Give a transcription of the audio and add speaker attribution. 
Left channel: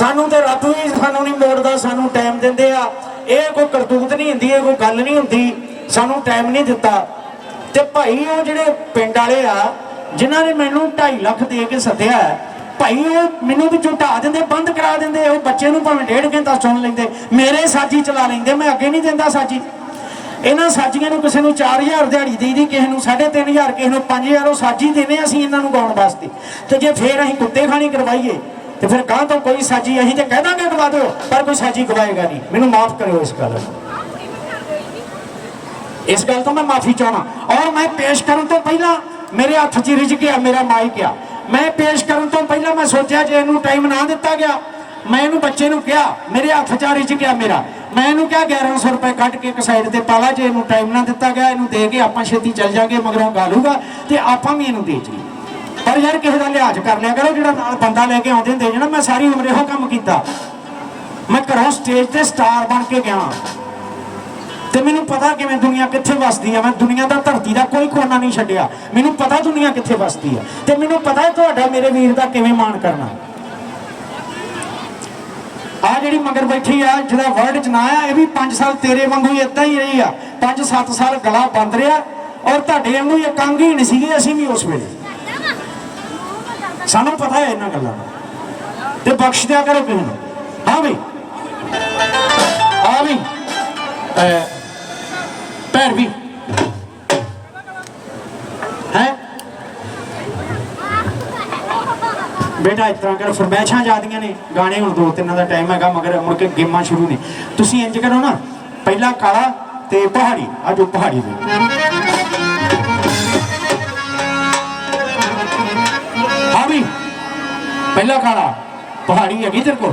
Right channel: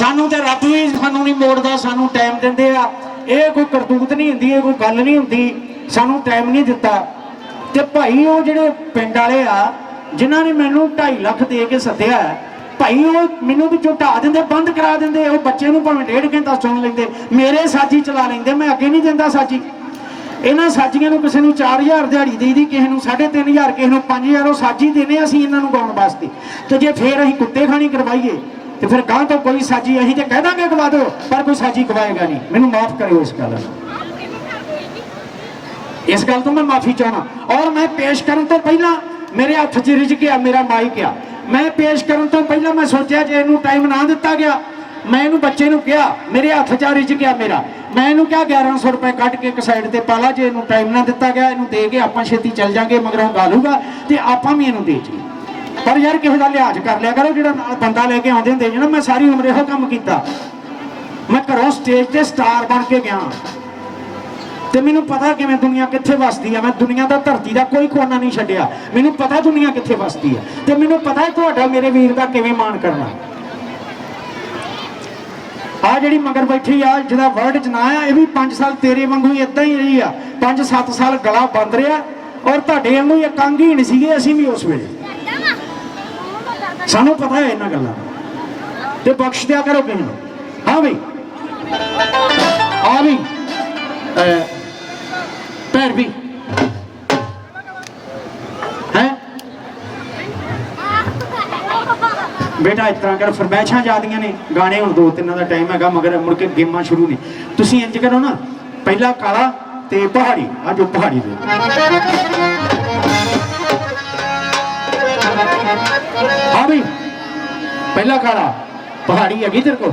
Speaker 1: ਸਾਨੂੰ ਤੇ ਰੱਬ ਵੀ ਸਾਨੂੰ ਨਹੀਂ ਮੋੜਦਾ, ਸਾਨੂੰ ਟਾਈਮ ਦਿੰਦੇ ਆ। ਇਹ ਕੋਈ ਕਰਤੂਤ ਨਹੀਂ ਹੁੰਦੀ, ਇਹ ਕੋਈ ਗੱਲ ਨਹੀਂ ਹੁੰਦੀ। ਸਾਨੂੰ ਟਾਈਮ ਨਹੀਂ ਦਿੱਤਾ। ਤੇ ਭਾਈ ਉਹ ਜਿਹੜੇ ਪਿੰਡ ਵਾਲੇ ਆ, ਜਿਨ੍ਹਾਂ ਨੇ ਮੈਨੂੰ 2.5 ਲੱਖ ਦੇ ਕੇ ਸੱਦਿਆ, ਭਾਈ ਉਹ ਮੈਨੂੰ ਵੀ ਝੁਟਾ ਦਿੰਦੇ, ਬੰਦ ਕਰਾ ਦਿੰਦੇ। ਉਹ ਬੱਚੇ ਨੂੰ ਭਾਵੇਂ ਡੇਢ ਘੰਟਾ ਸੁਣ ਲੈਂਦੇ, ਮੇਰੇ ਸਾਜੀ ਚਲਾ ਲੈਂਦੇ, ਮੈਂ ਅੱਗੇ ਨਹੀਂ ਦਿੰਦਾ ਸਾਜੀ ਇਹਨਾਂ ਸਾਜੀਆਂ ਨੂੰ ਕਿਸੇ ਨੂੰ 4000 ਦਿਹਾੜੀ ਦੇਈਦੀ ਕਿਸੇ ਨੂੰ 3500 ਕਿਸੇ ਨੂੰ 5000 ਉਹ ਸਾਜੀ ਦੇਨੇ ਅਸੀਂ ਇਹਨਾਂ ਨੂੰ ਗਾਉਣ ਵਾਸਤੇ। ਤੇ ਜੇ ਫੇਰ ਅਸੀਂ ਕੁੱਤੇ ਖਾਣੀ ਕਰਵਾਈਏ ਤੇ ਫਿਰ ਗਾਂ ਤੋਂ ਕੋਈ ਸਾਜੀ ਅਸੀਂ ਤੇ ਕਹਿ ਦਾਂਗੇ ਗਵਾ ਦਿਓ, ਪਰ ਕੋਈ ਸਾਜੀ ਗਵਾਏਗਾ ਨਹੀਂ। ਮੈਨੂੰ ਮਾਫ ਕਰਿਓ ਇਸ ਗੱਲ ਇਸ ਗੱਲ ਤੋਂ ਮੈਂ ਮਾਫੀ ਚਾਹਣਾ ਔਰ ਮੈਂ ਪੇਸ਼ ਕਰਨ ਤੋਂ ਪਹਿਲਾਂ ਮੇਰੇ ਹੱਥ 'ਚ ਰਿਜ ਗਿਆ, ਮੇਰਾ ਮਾਈਕ ਆ। ਮੈਂ ਪੇਸ਼ ਕਰਨ ਤੋਂ ਪਹਿਲਾਂ ਮੈਂ ਸੋਚਿਆ ਜੇ ਇਹਨੂੰ ਟਾਈਮ ਨਾ ਦਿੱਤਾ ਗਿਆ, ਮੈਂ ਇਹਨੂੰ ਬੱਚੇ ਨੂੰ ਕਿਹਾ, ਮੇਰੇ ਹੱਥ 'ਚ ਰਿਜ ਗਿਆ ਮੇਰਾ। ਮੈਂ ਇਹਨੂੰ ਕਿਹਾ 1100 ਰੁਪਏ ਕੱਢ ਕੇ ਇੱਕ ਸਾਈਡ ਤੇ ਪਾ ਲਾ ਜੇ ਇਹਨੂੰ ਟਾਈਮ ਨਾ ਦਿੱਤਾ ਗਿਆ, ਇਹਨੂੰ ਦੇ ਕੇ ਆਪਾਂ ਛੇਤੀ ਚੱਲ ਜਾਾਂਗੇ, ਮਗਰੋਂ ਗਾਲੂਗਾ, ਤੇ ਆਪਾਂ ਵੀ ਇਹਨੂੰ ਦੇ ਜੀਏ ਪਰ ਯਾਰ ਕਿਸੇ ਦਾ ਲਿਹਾਜ਼ ਕਰ ਲਿਆ ਕਰੋ, ਜਿਹੜਾ ਨਾਲ ਬੰਦਾ ਲੈ ਕੇ ਆਉਂਦੇ ਹੁੰਦੇ ਜਣਾ ਮੈਂ ਸਾਰੀ ਉਮਰ ਇਹੋ ਕੰਮ ਕੀਤਾ। ਮੈਂ ਘਰੋਂ ਸਟੇਜ ਤੇ ਸਟਾਰ ਬਣ ਕੇ ਗਿਆ ਤੇ ਮੈਨੂੰ ਪਤਾ ਕਿਵੇਂ ਦੁਨੀਆ ਕਿੱਥੇ ਵਸਦੀ ਆ। ਮੈਂ ਦੁਨੀਆ ਦਾ ਧਰਤੀ ਦਾ ਕੋਈ ਕੋਨਾ ਨਹੀਂ ਛੱਡਿਆ। ਮੈਨੂੰ ਪਤਾ ਦੁਨੀਆ ਕਿੱਥੇ ਵਸਦੀ ਆ। ਤੇ ਮੈਨੂੰ ਪਤਾ ਤੁਹਾਡਾ ਮੇਰੇ ਵੀਰ ਦਾ ਕਿਵੇਂ ਮਾਣ ਕਰਨਾ। ਆ ਜਿਹੜੀ ਮਗਰ ਬੈਠੀ ਆ, ਜਿਹਦਾ ਵਰਡ ਚ ਨਾ ਆ, ਇਹ ਵੀ 5 ਸਾਲ ਤੇਰੇ ਵਾਂਗੂ ਇਦਾਂ ਹੀ ਰਹੀ ਆ। 5-7 ਸਾਲ ਗਲਾ ਬੰਦ ਰਿਹਾ। ਔਰ ਤੁਹਾਡੇ ਵਾਂਗੂ ਇੱਕ ਅੰਗ ਹੀ ਨਹੀਂ ਸੀਗੇ, ਅਸੀਂ ਵੀ ਉਸ ਵੇਲੇ। ਸਾਨੂੰ ਪਤਾ ਹੈ ਇਹਨਾਂ ਗੱਲਾਂ ਦਾ। ਤੇ ਬਖਸ਼ ਦਿਆ ਕਰੋ ਕਿਸੇ ਨੂੰ ਹਾਂ ਵੀ ਆ ਵੀ ਅਹ, ਭੈਣ ਵੀ। ਹੈ? ਬੇਟਾ ਇਸ ਤਰ੍ਹਾਂ ਕਰ। ਫਰਮੈਸ਼ਾਂ ਜਾਂਦੀਆਂ ਨੇ। ਗਾਣੇ ਹੁਣ ਦੋ ਤਿੰਨਾਂ ਦਾ ਟਾਈਮ ਹੈਗਾ ਮਗਰ ਮੁੜ ਕੇ ਗੇਮਾਂ ਸ਼ੁਰੂ ਨੇ। ਤੁਸੀਂ ਇੰਜ ਕਰੋ ਨਾ। ਪਹਿਲਾ ਕਾਲਾ ਤੇ ਪਹਾੜੀ। ਆ ਜੋ ਪਹਾੜੀ ਦੇ। ਵੀ। ਪਹਿਲਾ ਕਾਲਾ ਪਹਾੜੀ ਹੈਗੀ ਤੇਰੇ ਕੋਲ?